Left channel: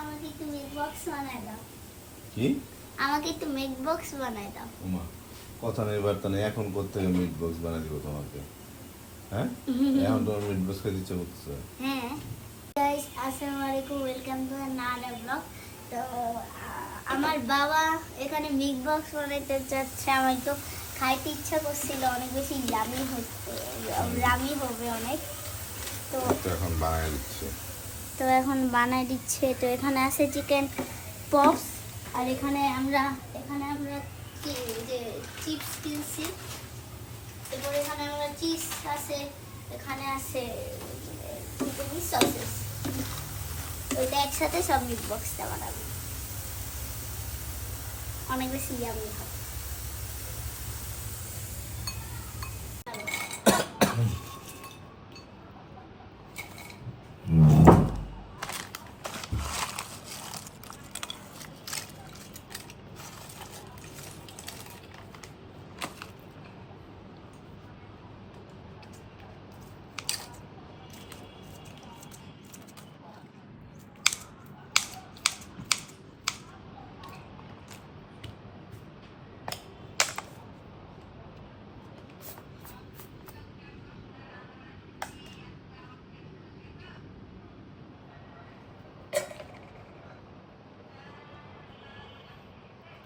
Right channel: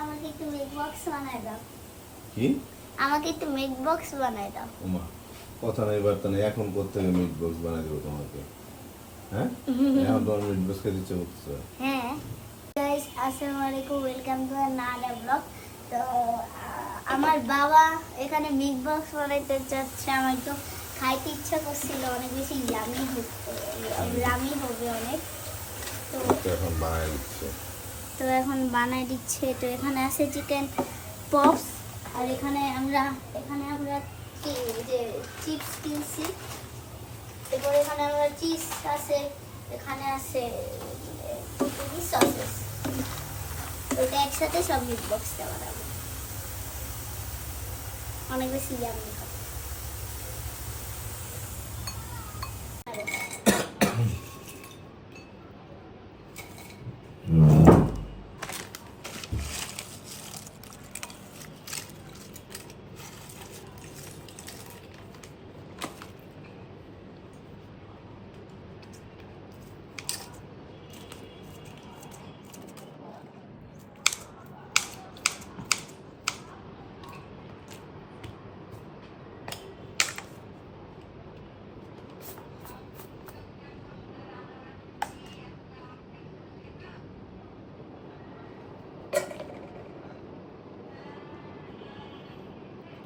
আমাকে একটু meat box বানায় দাও। কি? আমাকে একটু মিট বক্স বানায় দাও। ওমা, কথা নেই বার্তা নেই, এখন করতে মিট বক্স বানিয়ে দেবো তোমাকে। হ্যাঁ, এখন তোমার মিট বক্স খেতে ইচ্ছে করতেছে? হ্যাঁ গাইস, আসসালামু আলাইকুম, ওয়েলকাম টু আনাদার ব্লগ। তো আমার বাবা এখানে মিট বক্স বানাইতে যাচ্ছে। আমার তো খাইতে ইচ্ছা করছিল, অনেক বেশি ইয়ামি হচ্ছে, ইয়ামি হবে অনেক। তো এখন বানাই দিচ্ছে। এখন বানাই দিচ্ছে। তো এখানে আছে চিকেন পপস, আর এখানে আমরা কি যে চিপস কিনছি। এরপর এখানে আমরা চিজ আছে, এখানে আছে সসেস। ওইটা একসাথে সব মিট বক্সটা বানাবো, অনেক বেশি ইয়ামি হবে।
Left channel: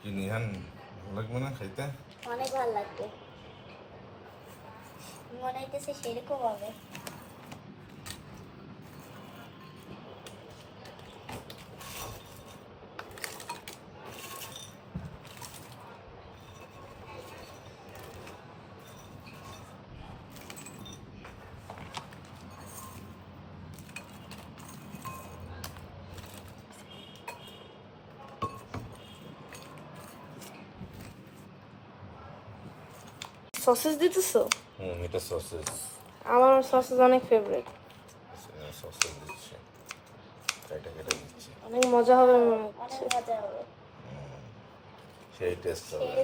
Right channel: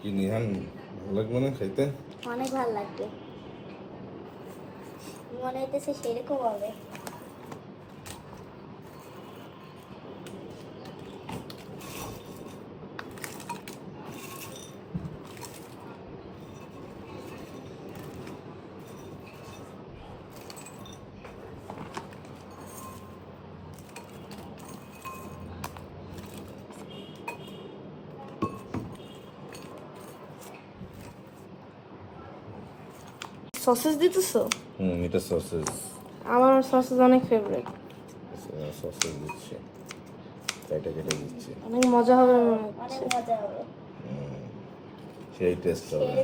কি নিহান, ভালো লাগবে না খাইতে? অনেক ভালো লাগবে, মনে হইতেছে সেরকম হবে। সসেস দিতেছো? এটা সসেজ। আমার সসেস অনেক ফেভারিট। সসেজ দিচ্ছে, কেটে কেটে দিচ্ছে। অনেক মজা হবে মনে হচ্ছে। অনেক মজা হবে, সেই টেস্ট হবে।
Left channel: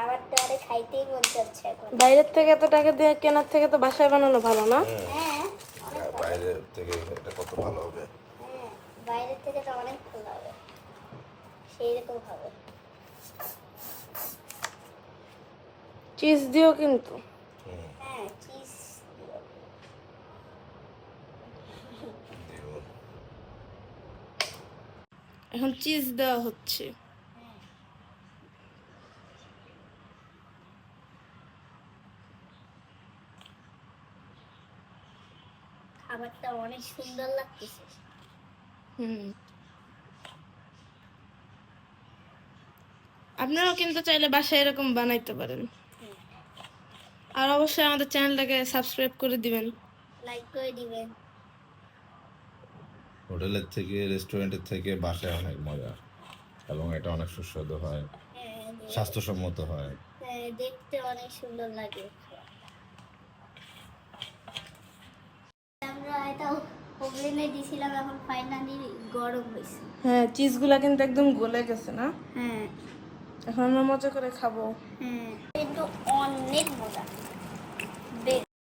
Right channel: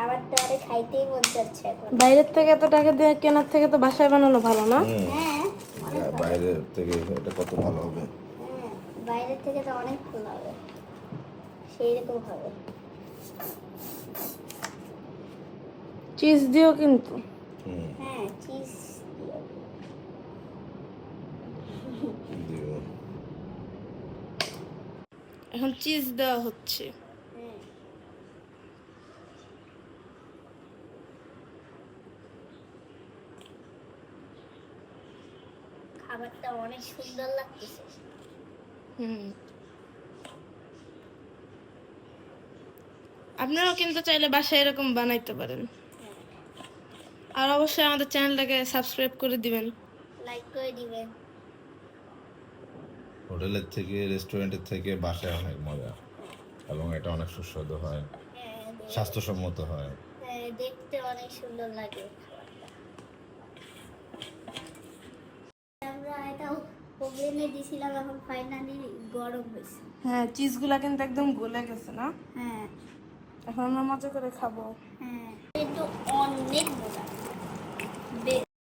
আমার তো অনেক খাইতেই মন যাচ্ছে এখন। বাইরের থেকে এত টাকা দিয়ে কেনার থেকে তো বাসায় বানানো ভালো না? বাইরে থেকে এটা কত ভালো হবে। বাইরের থেকে তো অনেক ভালো হবে, সেইরকম হবে। চিজ দিও কিন্তু। হ্যাঁ, চিজ দিও। এখন চিজ দেওয়া হচ্ছে। খাবারটা অনেক সুন্দর লাগতেছে। আপনারাও কিন্তু চাইলে বাসায় এরকম বানাইতে পারেন। আর অবশ্যই আমাদের চ্যানেলটাকে সাবস্ক্রাইব করে দিবেন। লাইক করে দিবেন। হোটেলের থেকে, রেস্টুরেন্টের থেকে বাসায় অনেক মজা, এবং এটা অনেক সুস্বাদু হয়, স্বাস্থ্যসম্মত হয়। হ্যাঁ, দেখতে অনেক সুন্দর লাগে। আমরা এটা ওভেনে দিয়েছিলাম, এখন ফাইনালি গরম হয়েছে। হ্যাঁ, চিজগুলা কিন্তু একদম গলে গেছে না? হ্যাঁ এখন আমরা মজা করে খাবো। হ্যাঁ, কিন্তু অনেক মজা।